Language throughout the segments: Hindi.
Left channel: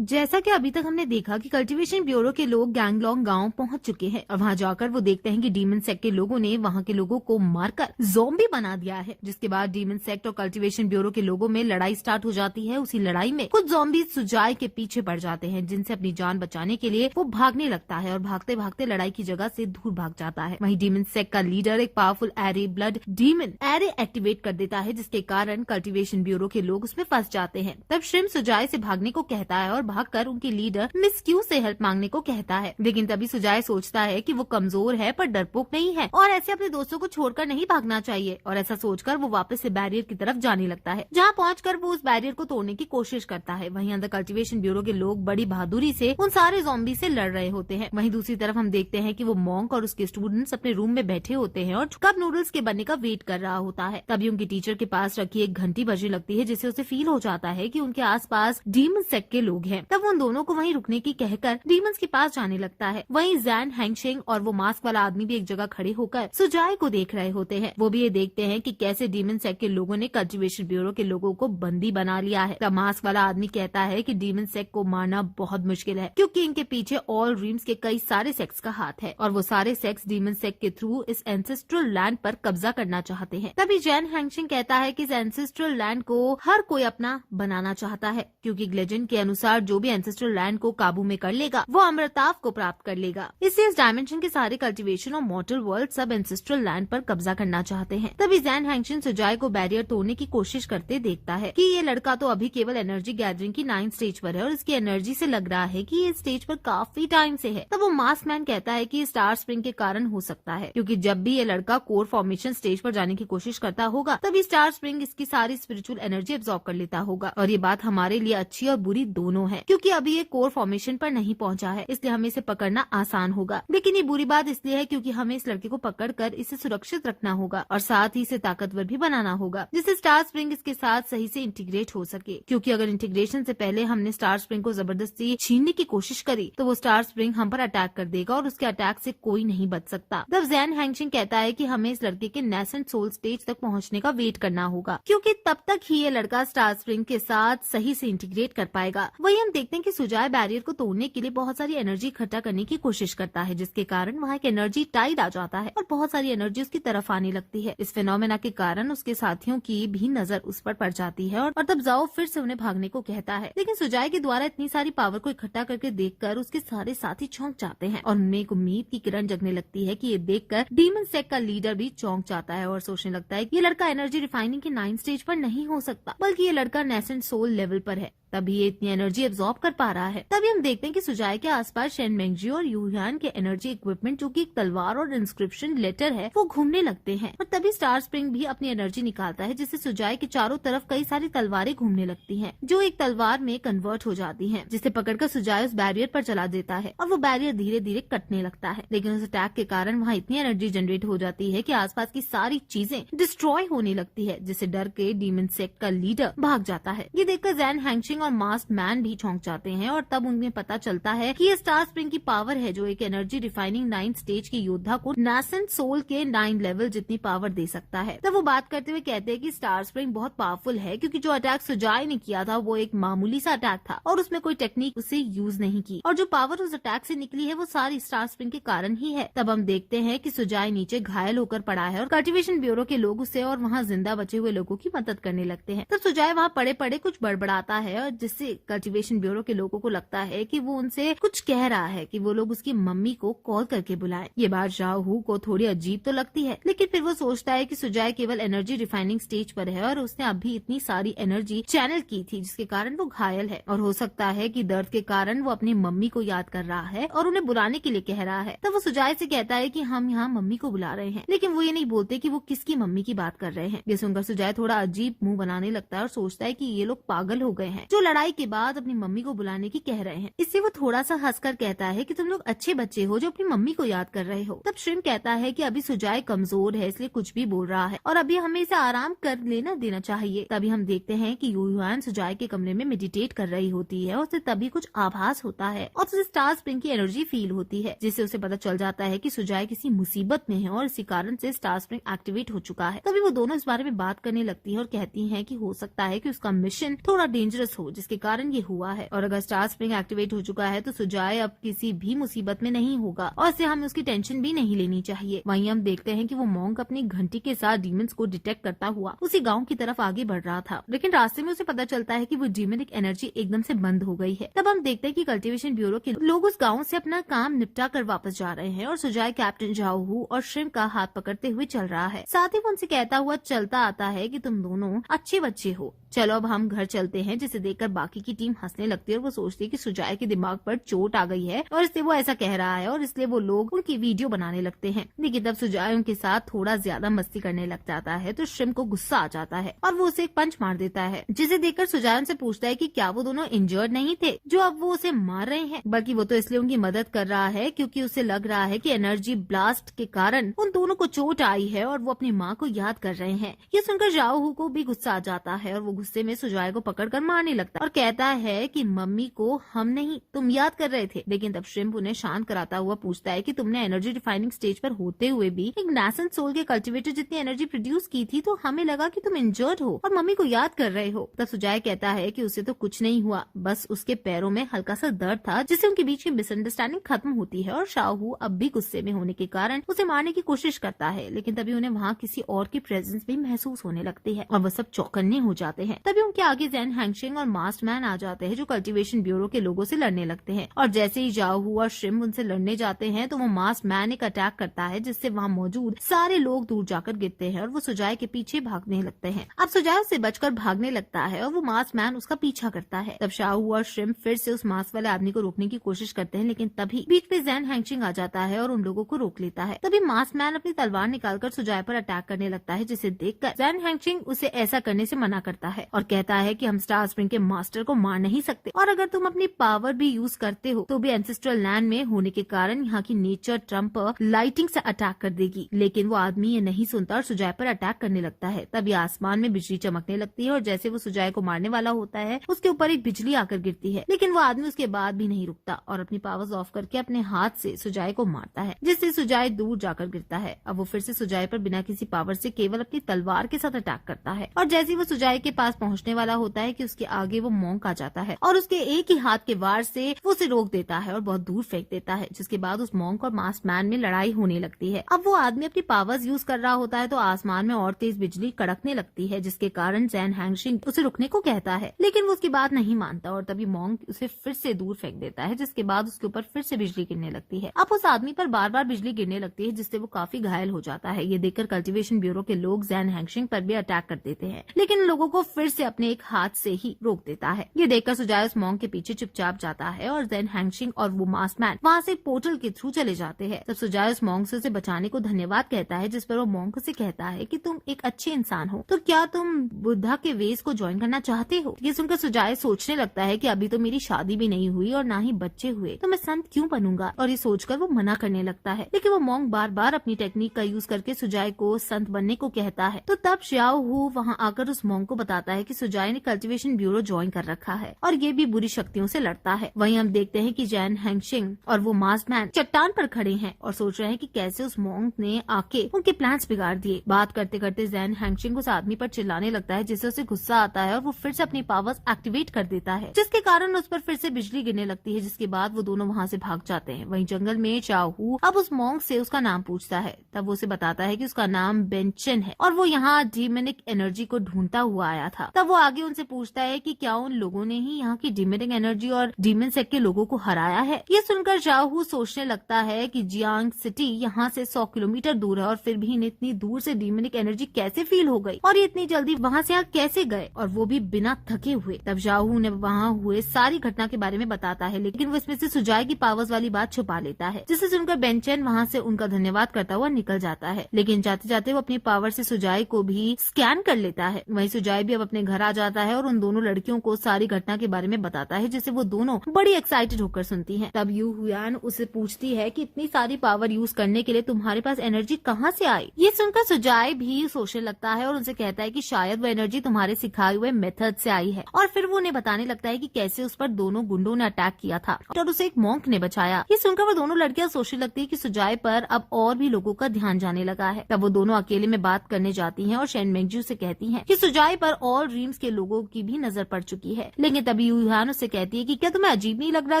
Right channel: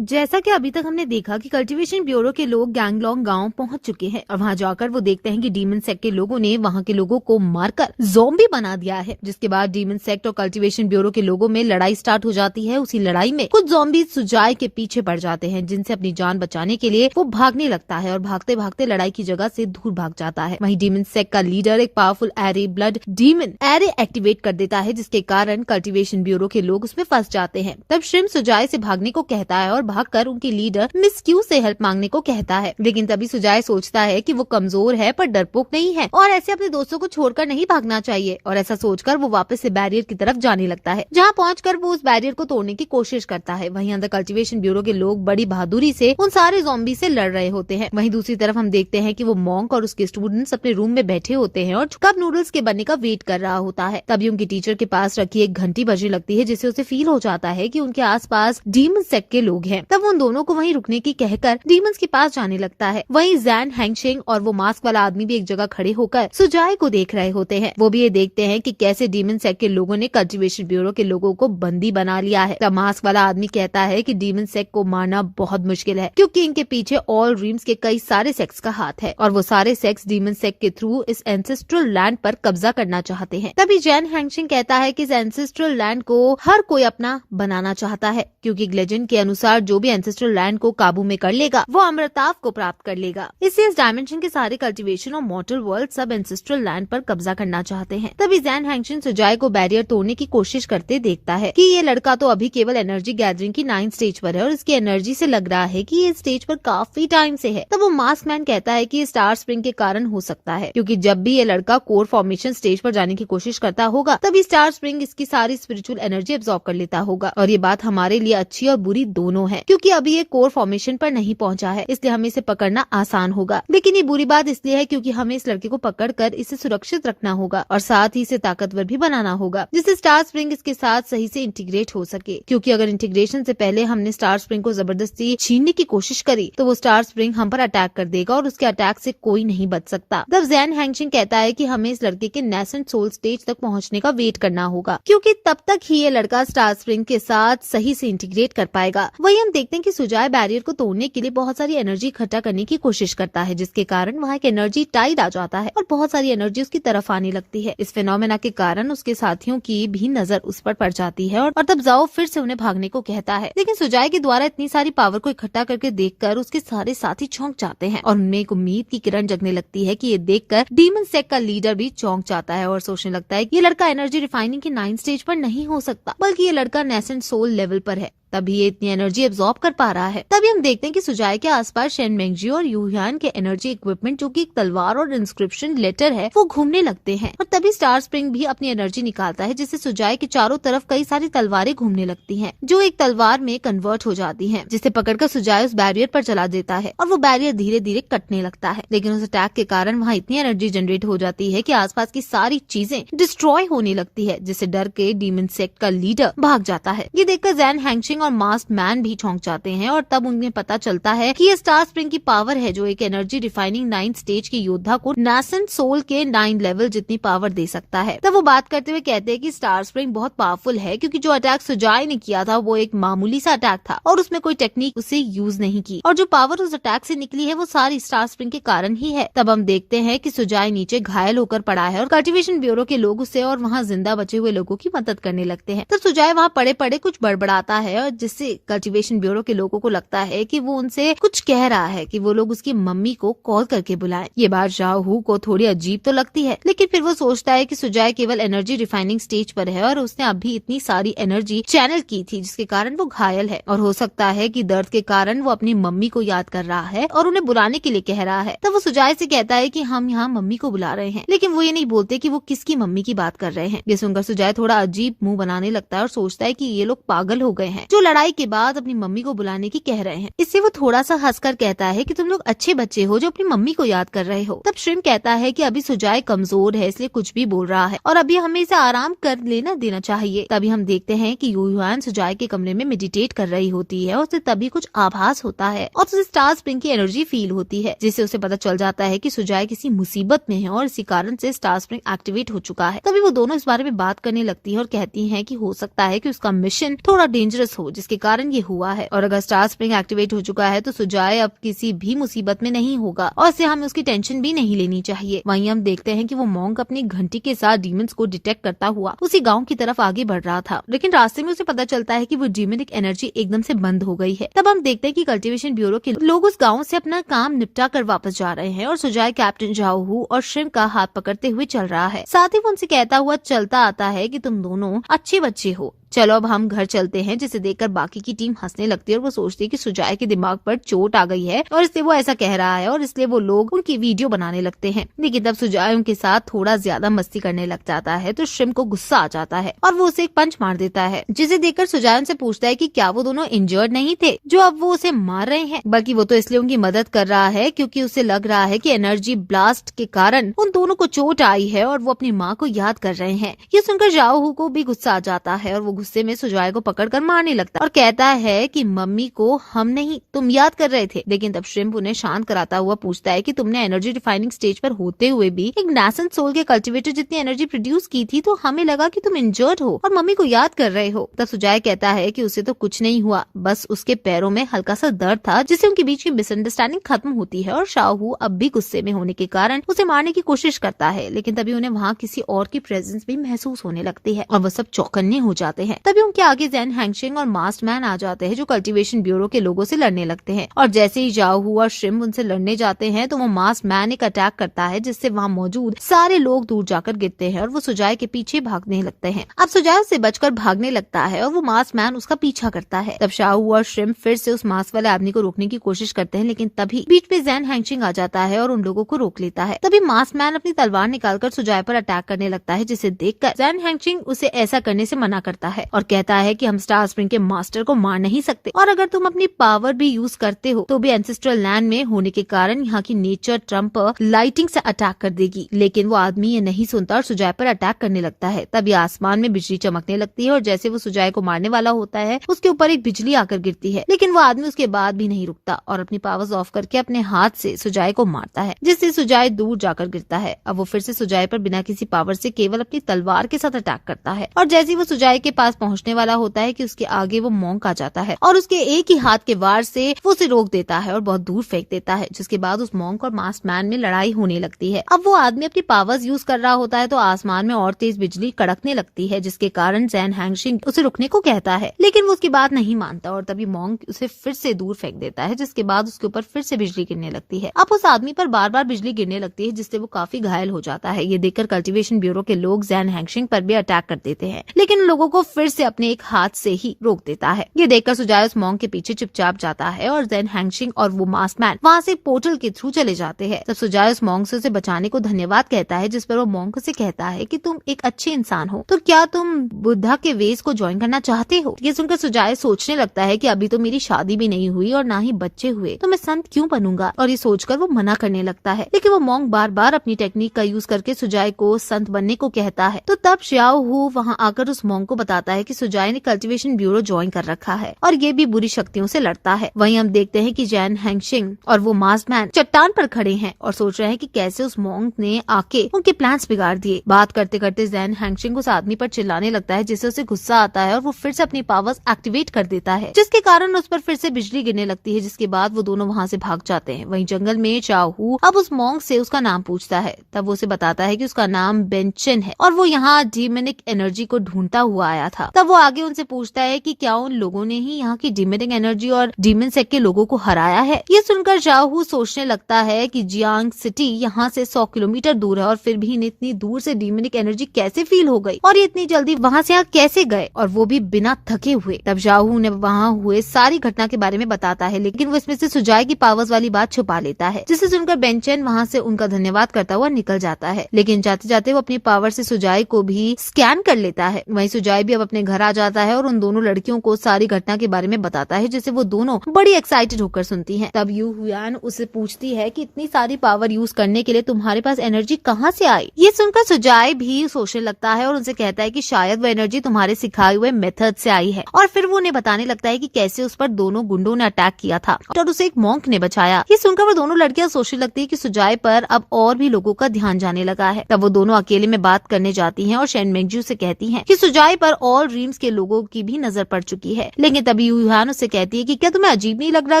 जैसा कि अभी तक हमने देखा कि कल्टीवेशन ब्यूरो के लोग गैंगलॉन्ग गांव पहुंच चुके हैं और वहां जाकर वो देखते हैं कि डीमन सेक्ट के लोगों ने वहां के लोगों को मारकर ज़ॉम्बी बना दिया है। जिसके बाद डीमन सेक्ट और कल्टीवेशन ब्यूरो के लोगों में लड़ाई स्टार्ट हो जाती है। उसी लड़ाई में कुछ ज़ॉम्बी सुजाय के पीछे पड़ जाते हैं, जिनसे अपनी जान बचाने के लिए वो भागने लगता है और भागते भागते लड़ाई की जगह से दूर भाग जाता है। वहीं डीमन सेक्ट का लीडर एक powerful array blood demon array activate कर देता है, जिसके कारण कल्टीवेशन ब्यूरो के लोग उसमें फंस जाते हैं। तब श्रिम सुजाय से भागने को कहता है और भागकर उनकी लीडर मिस क्यू से हेल्प मांगने को कहता है। लेकिन तभी सुजाय सोचता है कि वो कमजोर है पर डरपोक नहीं है और ऐसे अपने दोस्तों को छोड़कर नहीं भागना चाहिए, और ऐसा सोचकर वो वापस से बैरियर की तरफ जाने लगता है, जहाँ पहुंचकर वो उस बैरियर को तोड़ने की कोशिश करता है। वहीं अंदर कल्टीवेशन ब्यूरो के लोग बड़ी बहादुरी से उन सारे ज़ॉम्बी से लड़ रहे होते हैं। वहीं दूसरी तरफ हम देखते हैं कि वो मॉन्क और उसके स्टूडेंट्स अपने रूम में बैठे होते हैं और कब नूडल्स के बनने का वेट कर रहा होता है। तभी उनकी टीचर के पास रखी एक घंटी बजने लगती है, जिससे उसे फील हो जाता है कि उनके आसपास डीमन सेक्ट के लोग हैं। तब उन दोनों को वहीं रुकने की कहकर डीमंस के पास जाने लगता है। वहीं जैन हैंगशिंग और वो मास्क वाला आदमी भी एक जगह खड़े होकर सुजाय को देख रहे होते हैं। वो भी ये देखते हैं कि कैसे डीमन सेक्ट के लोगों ने कल्टीवेशन ब्यूरो के लोगों को बंदी बना लिया है। तब मास्क वाला आदमी कहता है कि डीमन सेक्ट को मारना बहुत मुश्किल है, क्योंकि इनके पीछे ऑल ड्रीम्स के कई सारे सेक्ट्स का हाथ है और वो सारे सेक्ट्स डीमन सेक्ट के थ्रू इस एंसेस्ट्रल लैंड पर कब्जा करना चाहते हैं। तभी जैन हैंगशिंग कहता है कि इस एंसेस्ट्रल लैंड को हर कोई अपना बनाना चाहता है, क्योंकि लेजेंड के अनुसार जो भी एंसेस्ट्रल लैंड को काबू में कर लेगा वो अमृताव को प्राप्त कर लेगा। इससे इस डायमेंशन के सारे कल्टीवेशन और मॉर्टल वर्ल्ड सब एंसेस्ट्रल लैंड पर कब्जा करना चाहते हैं। तभी जैन हैंगशिंग सुजाय को बैरियर तोड़ने की कोशिश करते देखता है कि ये लड़का तो अभी केवल एनर्जी गैदरिंग की 9th स्टेज पर है और इसकी एनर्जी से लग रहा है कि ये स्टेज पर काफी टाइम से है। तब वो मास्क मैन कहता है कि स्टार स्प्रिंग के कारण हो सकता है, क्योंकि जब भी ये लड़का कोर फॉर्मेशन स्टेज पर जाने की कोशिश करता होगा तभी स्टार स्प्रिंग इसकी सारी स्पिरिचुअल एनर्जी एब्जॉर्ब कर लेता होगा। और ये बात हमारे लिए अच्छी और बुरी दोनों है, क्योंकि अभी ये कोर फॉर्मेशन पर नहीं पहुंचा है, इसलिए हमें इसे पकड़ना आसान होगा। लेकिन ये बुरी बात इसलिए है क्योंकि हमें इस लड़के को पकड़कर इसे सुरक्षित रखना होगा और साथ ही इसे ताकतवर भी बनाना होगा, जिससे स्टार स्प्रिंग इसके साथ सही से इंटीग्रेट हो सके। क्योंकि अगर इंटीग्रेशन से पहले हमने स्टार स्प्रिंग को जबरदस्ती छीनने की कोशिश करी तो वो स्टार स्प्रिंग हम पर अटैक कर देगा और उसके अटैक से कोई नहीं बच सकता। तब जैन हैंगशिंग कहता है कि हमें इस लड़के के नेसेंट सोल स्टेज तक पहुंचने का वेट करना होगा, क्योंकि तब तक ही ये लड़का स्टार स्प्रिंग के साथ सही से इंटीग्रेट कर पाएगा। वही हम देखते हैं कि सुजाय बैरियर को तोड़ने के लिए बहुत सारी एनर्जी इकट्ठा करने की कोशिश करता है, जिसके कारण वहाँ एक एनर्जी टाइड आ जाता है और बहुत सारी एनर्जी उसकी तरफ आने लगती है। इस फिनोमेना के कारण उसके साथियों की भी नजर उस पर पड़ जाती है और तब जाओ फिर से उन्हें भागने को कहता है। लेकिन सुजाय के द्वारा इतनी सारी पावर को इकट्ठा करके देखकर उसके सारे साथी चौंक जाते हैं और उनमें एक उम्मीद की किरण जगने लगती है कि ये देखकर डीमन सेक्ट का लीडर भी चौंक जाता है और सोचने लगता है कि ये लड़का एनर्जी रिफाइनिंग की 9th स्टेज पर नहीं हो सकता, बल्कि ये लड़का नेसेंट सोल लेवल पर है, तभी ये इतनी एनर्जी एब्जॉर्ब कर पा रहा है। तभी हम देखते हैं कि सुजाय के आसपास शेन मेंगजी और यूहान के एनर्जी इक्विपमेंट, जो कि एक तलवार और इंस्क्रिप्शन लेटर है, वो घूमने लगते हैं और तभी स्टार स्प्रिंग भी अपनी एनर्जी निकालता है, जिससे सुजाय के चारों तरफ कई सारी तलवारें घूमने लगती हैं, जो एक तलवार में कन्वर्ट हो जाती हैं, जिसे पकड़कर सुजाय उस बैरियर पर चला देता है और वो बैरियर धीरे धीरे कटने लगता है। लेकिन उस अटैक के कारण वहाँ इतनी एनर्जी जनरेट हो जाती है कि आसपास की सारी चीजें डिस्ट्रॉय होने लगती है, जिससे डर के डीमन सेक्ट का लीडर भाग जाता है। ये देखकर जैन हैंगशिंग और मास्क मैन भी चौंक जाते हैं और तब उन्हें पता चलता है कि ये स्टार स्प्रिंग की पावर है, जो एक एनर्जी रिफाइनिंग 9th स्टेज के योद्धा को नेसेंट सोल के 9 लेवल जितनी पावर दे सकता है। तब वो बात करते हुए कहते हैं कि स्टार स्प्रिंग बहुत पावरफुल है, क्योंकि जो अटैक सुजाय ने किया था वो एक मामूली सा अटैक था और उसमें कोई टेक्निक उसे यूज नहीं की, और जो पावर उस अटैक से निकली है वो सारी स्टार स्प्रिंग के कारण ही है। तब हम देखते हैं कि सुजाय नीचे घायल होकर पड़ा है और कल्टीवेशन ब्यूरो के लोग उसे और वहाँ जिंदा बचे हुए लोगों की मदद करने लगते हैं। तब सुजाय वहाँ पड़े पड़े कुछ बड़बड़ाता है और जिससे कल्टीवेशन ब्यूरो के लोगों को लगता है कि वो उनसे कुछ कह रहा है कि वो लोग उसकी मम्मी को कॉल करके बुलाएं। ये बात शाहू को थोड़ी अजीब तो लगती है, लेकिन फिर वो सोचता है कि सुजाय केवल एनर्जी रिफाइनिंग स्टेज पर है और उसने अभी इतनी सारी एनर्जी चैनल की थी, जिसके कारण वो घायल है और हो सकता है कि दर्द के कारण वो अपनी मम्मी को याद कर रहा है और उन्हें बुलाने के लिए कह रहा है। तब वो सुजाय से कहता है कि हम यहाँ मम्मी को बुला रहे हैं, लेकिन वो ये नहीं बोलते कि वो किसकी मम्मी की बात कर रहे हैं। ये सुनकर सुजाय थोड़ा अजीब मुंह बनाने लगता है और सोचता है कि ये लोग पागल हो गए हैं, जो लड़ाई के बाद अपनी मम्मी को बुलाने की कह रहे हैं। इससे वो थोड़ा सा हंसकर कहता है कि तुम लोग अच्छे बच्चे हो जो अपनी मम्मी को याद कर रहे हो। तब श्रिम कहता है कि अभी सुजाय कमजोर है, इसलिए कुछ भी बोल रहा है और अभी हमें इसे आराम कर लेना देना चाहिए। तभी हम देखते हैं कि यूहान सुजाय के कमरे में मेडिटेट कर रही होती है और उसे तभी कुछ आभास होता है और उसे स्टार स्प्रिंग की एनर्जी फील होती है, जिससे उसे पता चल जाता है कि सुजाय किसी मुसीबत में है और इसी कारण से स्टार स्प्रिंग एक्टिवेट हो चुका है। तभी वो दोनों इस बारे में बात करने लगती है और कहती है कि हो सकता है कि उसका मिशन थोड़ा डेंजरस हो हो जिसके कारण ये हुआ है। और अगर स्टार स्प्रिंग एक्टिवेट हो चुका है तो सुजाय अब किसी भी मुसीबत में नहीं होगा और इससे हमें उसकी टेंशन भी नहीं लेनी चाहिए। वहीं हम देखते हैं कि वो मॉन्क अपनी घंटी के साथ डीमंस को डिटेक्ट करता हुआ उसी गांव की तरफ आगे बढ़ रहा था, लेकिन रास्ते में उसे पता चलता है कि वो डीमनिक एनर्जी एकदम से बंद हो गई है। तब हम देखते हैं कि कल्टीवेशन ब्यूरो के लोग उस गाँव से अपना काम निपटा कर वापस जा रहे हैं और सुजाय कैप्टन जाओ हू और श्रिम्प का हाथ पकड़ते हुए चल रहा है। साथ ही वो उनसे कहता हुआ चलता आता है कि तुम दोनों अच्छे बच्चे हो, चलो अब हम घर चलते हैं। जिसे देखकर बाकी की टीम हंसने लगती है और वो सोचती है कि सुजाय के दिमाग पर चोट आ गई है और इसलिए वो ऐसा कह रहा है और इसलिए वो लोग उनकी वीडियो बनाने लगते हैं। लेकिन तब सुजाय उनके साथ थोड़ा ज्यादा मस्ती करने लग जाता है तो श्रिम्प को गुस्सा आ जाता है और वो उसे एक पंच मार देता है, जिसे देखकर सुजाय उनसे पूछता है कि क्या वो दोनों इंजर्ड नहीं थे जो अब वो उसे मार रहे हैं, बल्कि वो तो इसलिए उनकी मदद कर रहा है क्योंकि उसे लग रहा है कि एनर्जी ब्लास्ट के कारण उन दोनों को चोट आई है और वो अपनी माँ को याद कर रहे हैं। ये सुनकर जाओ हू को भी गुस्सा आ जाता है और वो गुस्से में सुजाय को पकड़कर मारने लगता है और कहता है कि मम्मी को हम नहीं तुम याद कर रहे थे। लेकिन तब श्रिम्प उन्हें शांत कराता हुआ पूछता है कि तुमने एनर्जी रिफाइनिंग स्टेज पर होते हुए भी एक नैसेंट सोल के कल्टीवेटर जितनी एनर्जी प्रोड्यूस की थी तो हमें लगा कि तुम इंजर्ड हो और मम्मी को याद कर रहे हो। तब सुजाय कहता है कि उसे तो कुछ नहीं हुआ, बस उसके पैरों में हल्का सा दर्द था जिससे उनके बीच की मिसअंडरस्टैंडिंग खत्म होती है और शाहू अब भी गुस्से में होने के कारण उसे मारने की कोशिश करता है। लेकिन तभी उन्हें वहाँ किसी और की प्रेजेंस भी महसूस होने लगती है और वो सब चौकन्ने हो जाते हैं। तभी उनके आगे ज़ेन हैंगशिंग और मास्क मैन आ जाते हैं जो कल्टीवेशन ब्यूरो के लोगों से लड़ने लगते हैं और जैसे ही जाओ हू और श्रिम्प उनसे लड़ने जाते हैं तो वो मास्क मैन एक अटैक करता है जिससे वहाँ मौजूद सारे लोग दूर जाकर गिरते हैं और वो सुजाय के पीछे भागने लगते हैं। अब सुजाय उससे बचकर भागने लगता है और वो मास्क मैन उसका पीछा करता है। तब शाहू और श्रिम्प फिर से उस मास्क वाले आदमी को रोकने की कोशिश करते हैं, लेकिन तभी बीच में ज़ेन हैंगशिंग आ जाता है और उन लोगों को रोक लेता है। तभी मास्क मैन अपनी तलवार निकालकर सुजाय पर अटैक करने लगता है, जिसे देखकर ज़ेन हैंगशिंग उसे ऐसा करने से मना करता है और कहता है कि हम स्टार स्प्रिंग के मास्टर को मार नहीं सकते और अगर तुम अपनी पावर भी यूज करते हो तो भी एंसेस्ट्रल लैंड में होने के कारण यहाँ की नेचर ट्रम्प लाइटिंग से अटैक कर देगी। लेकिन वो आदमी ये नहीं सुनता और सुजाय पर अटैक करने लगता है। तभी आसमान में बिजली चमकने लगती है और जैसे वो सुजाय को मारने वाला होता है उसके ऊपर एक बिजली आकर गिरती है, लेकिन वो आदमी उसके बाद भी नहीं रुकता और अपनी पावर्स ऑफ करके अपने हाथ से सुजाय को मारता है, जिससे सुजाय दूर जाकर गिरता है। अब वो फिर से सुजाय पर बिना किसी पावर से केवल अपनी तलवार के साथ अटैक करता है और जैसे वो सुजाय के पास पहुँचने वाला होता है कि उसके आगे वो मॉन्क आ जाता है और उसके एक ही हाथ के वार से वो उसे रोक देता है और बहुत दूर फेंक देता है, जिसके बाद उस मॉन्क और मास्क मैन में लड़ाई होने लगती है। अब वो आदमी अपनी पावर्स यूज कर रहा होता है तो आसमान में और तेज बिजली कड़कने लगती है, जिसके कारण ज़ेन हैंगशिंग उसे रुकने को कहता है, लेकिन वो उसकी बात नहीं मानता और तभी मॉन्क उसे फिर से दूर फेंक देता है, जिसके बाद उसके ऊपर फिर से बिजली गिरने लगती है। अब उस आदमी पर बार बार बिजली गिरने लगती है जिससे वो काफी घायल हो जाता है। ये देखकर कल्टीवेशन ब्यूरो के लोग ज़ेन हैंगशिंग पर भी अटैक कर देते हैं, लेकिन लोगों को फिर से अपने एक हाथ से ही रोक देता है। ये देखकर सुजाय उस मॉन्क के पीछे चुपचाप जाता है और ज़ेन हैंगशिंग और वो मास्क मैन वहाँ से पोर्टल के थ्रू चले जाते हैं। तब सुजाय उस मॉन्क से उसे बचाने को धन्यवाद कहता है, जिस पर वो मॉन्क से कहता है कि तुम एक अच्छे इंसान हो, तो क्या तुम बुद्धा के वेस को ज्वाइन करना चाहते हो। ये सुनकर सुजाय सोचने लगता है कि अभी तो मेरी शादी भी नहीं हुई और ना ही बच्चे हुए, तो मैं संत क्यों बनूंगा, और ये सोचकर वो मना करने लगता है। लेकिन वो मॉन्क बार बार अपनी टेक्निक का यूज करके सुजाय को संत बनने को कहता है। तो तब श्याओ हू वहाँ आकर उस मॉन्क को बताता है कि सुजाय ने कल्टीवेशन ब्यूरो ज्वाइन कर रखा है और ये भी बुरी शक्तियों से लड़ता है। वहीं हम देखते हैं कि ज़ेन हैंगशिंग और वो मास्क मैन चट्टान पर खड़े हैं और सोच रहे हैं कि कैसे उस मॉन्क ने आके उनके प्लान्स बिगाड़ दिए। बात करते करते ज़ेन हैंगशिंग उस आदमी पर चिल्लाने लगता है, जिससे उसे गुस्सा आता है और वो फिर से अपनी पावर्स एक्टिवेट कर देता है, जिसके कारण उस पर फिर से बिजली गिरने लगती है, जिसके बाद वो दोनों वहाँ से भाग जाते हैं। वहीं जंगल में चाओ हू अब उस मॉन्क से उसका नाम पूछता है। तब वो उसे बताता है कि उसका नाम बेंचन है और वो यहाँ डीमनिक एनर्जी को ढूंढता हुआ आया था। तब वो आगे उनसे पूछता है कि क्या उन लोगों ने ही यहाँ की डीमनिक एनर्जी और डीमन सेक्ट के लोगों को हराया है। ये सुनकर चाओ हू सोचने लगता है कि जियांग सिटी यहाँ से 100 किलोमीटर दूर है और फिर भी इन्हें इतनी दूर से डीमनिक एनर्जी कैसे फील हो गई और ये इतनी जल्दी वहाँ से यहाँ कैसे गए, और वो भी बिना थके हुए। तब चाओ हू ने वहाँ हुए सारी घटना के बारे में बताता है, लेकिन वो इसमें से सुजाय की पावर्स वाली बात छुपा लेता है, जिसे सुनकर बेंचन वहाँ से उनका धन्यवाद करता हुआ निकल जाता है। लेकिन जाते जाते वो अपनी पावर से सुजाय को भी स्कैन कर लेता है। वहीं सुजाय भी अब अपने घर आ जाता है और उन दोनों लड़कियों को सारी घटना के बारे में बताता है, जिसे वो दोनों बड़ी एक्साइटेड होकर सुनती हैं। तब यू हुआन उससे पूछती है कि इतनी सारी पावर यूज करने के लिए तुम्हारे पास एनर्जी कहाँ से आई। ये सुनकर सुजाय भी सोचने लगता है और उनसे कहता है कि शायद वो एनर्जी तुम्हारे सिखाए हुए मेथड से आई है, और फिर वो उन्हें बताने लगता है कि कैसे उस पर दोनों गुंडों ने अटैक किया था और उसे एक मॉन्क ने बचाया। ये सुनकर वो दोनों लड़कियां सोचने लगती है कि सुजाय पर अब और भी लोगों का ध्यान जाने लगा है। तब वो दोनों अकेले में बात करने जाती हैं और शेन मेंगजू से कहती हैं कि सुजाय पर ऑल ड्रीम्स के लोगों की भी नजर पड़ चुकी है। लेकिन तभी यूहान उससे कहती है कि क्या तुम्हें अजीब नहीं लग रहा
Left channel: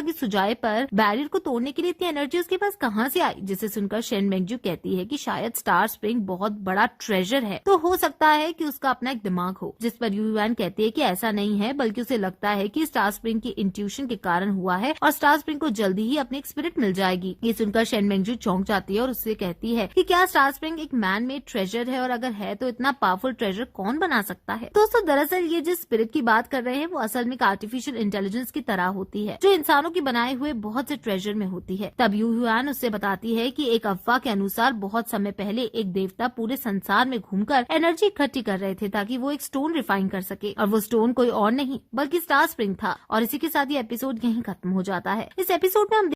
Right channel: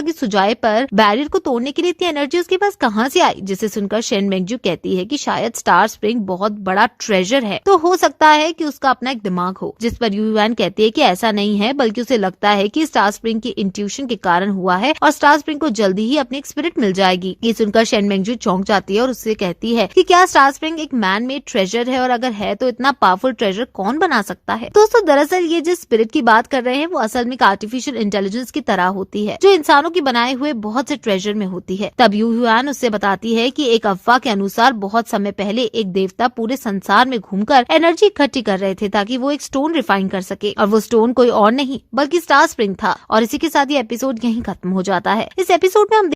कि सुजाए पर बैरियर को तोड़ने के लिए इतनी एनर्जी उसके पास कहाँ से आई? जिसे सुनकर शेन मेंगजू कहती है कि शायद स्टार स्प्रिंग बहुत बड़ा ट्रेजर है, तो हो सकता है कि उसका अपना एक दिमाग हो। जिस पर यूहान कहती है कि ऐसा नहीं है, बल्कि उसे लगता है कि स्टार स्प्रिंग की इंट्यूशन के कारण हुआ है और स्टार स्प्रिंग को जल्दी ही अपनी एक स्पिरिट मिल जाएगी। ये सुनकर शेन मेंगजू चौंक जाती है और उससे कहती है कि क्या स्टार स्प्रिंग एक मैन मेड ट्रेजर है, और अगर है तो इतना पावरफुल ट्रेजर कौन बना सकता है? दोस्तों, दरअसल ये जिस स्पिरिट की बात कर रहे हैं वो असल में आर्टिफिशियल इंटेलिजेंस की तरह होती है, जो इंसानों की बनाए हुए बहुत से ट्रेजर में होती है। तब यूहान उससे बताती है कि एक अफवाह के अनुसार बहुत समय पहले एक देवता पूरे संसार में घूमकर एनर्जी इकट्ठी कर रहे थे ताकि वो एक स्टोन रिफाइन कर सके, और वो स्टोन कोई और नहीं बल्कि स्टार स्प्रिंग था। और इसी के साथ ये एपिसोड यहीं खत्म हो जाता है। इस एपिसोड में हम